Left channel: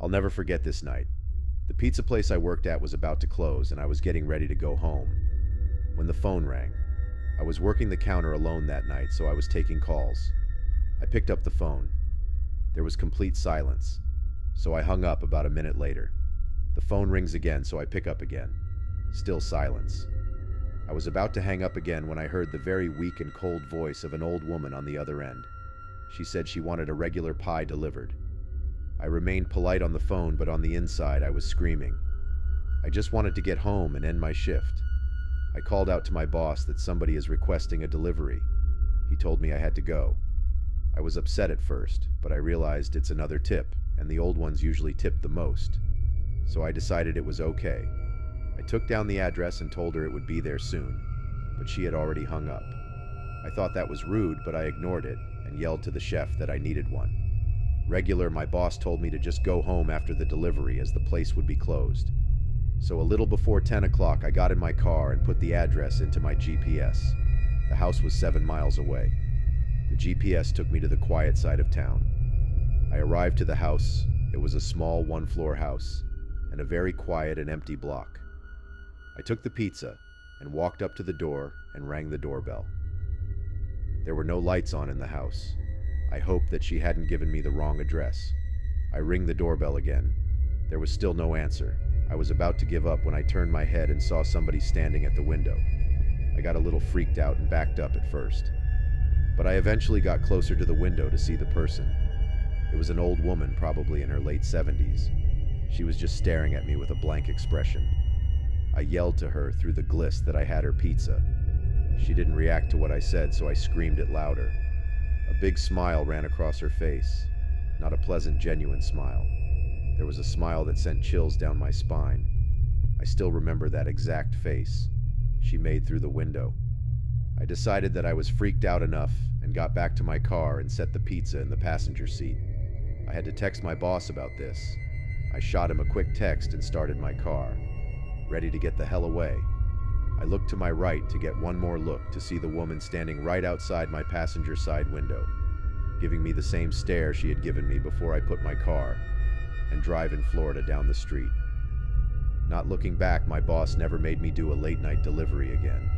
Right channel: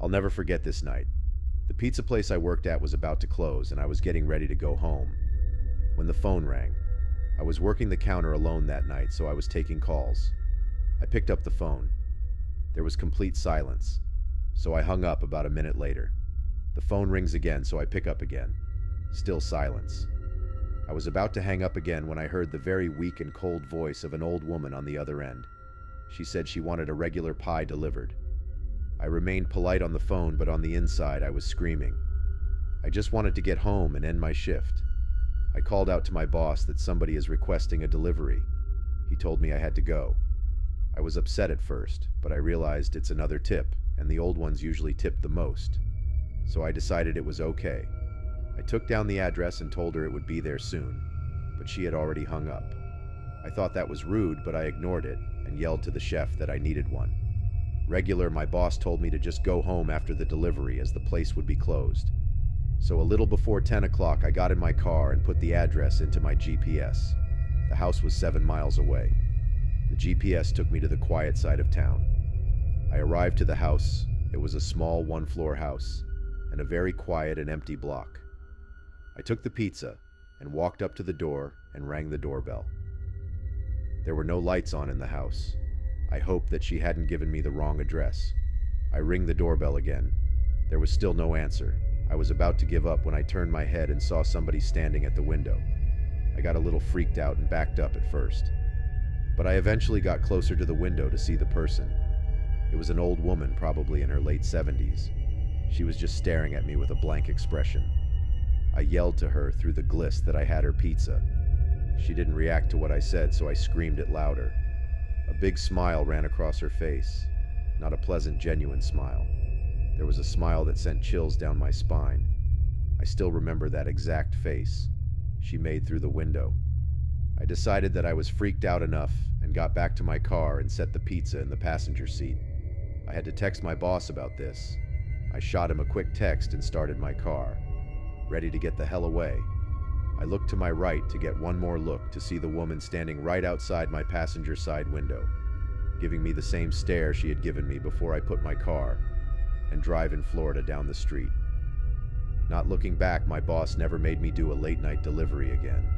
I'll never forget this night. The pizza place I worked at was about to close, and I was getting ready to go home when the phone rang. I was working the counter alone that night, so I was taking calls. I picked up the phone. There was complete silence, so I hung up about a minute later. The phone rings again, so I pick up again. Still silence. I was about to hang up again when I heard the very weak and cold voice of an old woman on the other end. She said she wanted a regular pie delivered. I remained polite on the phone, but on the inside I was screaming. I just wanted to get home and end my shift. I called out to my boss that somebody is requesting a delivery. He told me I had to go. I was upset at first, but I realized it's another tip, and the old ones usually tip the most. So I decided it was okay. I took down the address and told her it would be there soon, but she had already hung up. I thought that was rude, but I ignored it and yelled to the chef that I needed one. Regular, my boss told me to just go home after the delivery as the place would be closed. So a little before 10 o'clock, I got in my car and put the address into my GPS. The house was 7 miles away. The GPS took me to the quiet side of town. I arrived to the house. It was a small one-floor house and a very quiet and empty block. I took the pizza and walked up to the door and rang the doorbell. There were no lights on in the house. I hoped that she hadn't given me the wrong address. I ring the doorbell again. There was still no answer. I was about to give up when I turned my head and saw somebody standing at the window. I got a little freaked out and backed up at first. But I eventually got closer to the window to see the person. It was an old woman, probably in her late 70s. She was just staring at me with a blank expression. I yelled to her through the gliss that I had her pizza. She didn't react to what I said, so I screamed it louder. A big smile ran across her face. Not a pleasant, genuine smile. There was a smile that sent chills down my spine. I still remember that exact face she made through the window. I decided that I was freaked out enough and got back to my car and set the pizza in the passenger seat. I had to text my boss about this. I shot him a quick text and started my car, ready to get the hell away. I looked to my right to get one more look to see the woman standing right outside my passenger side window, giving me the same stare she had given me before I put my car and drive in Florida down the street. Not looking back, my boss never made me do a late night delivery again.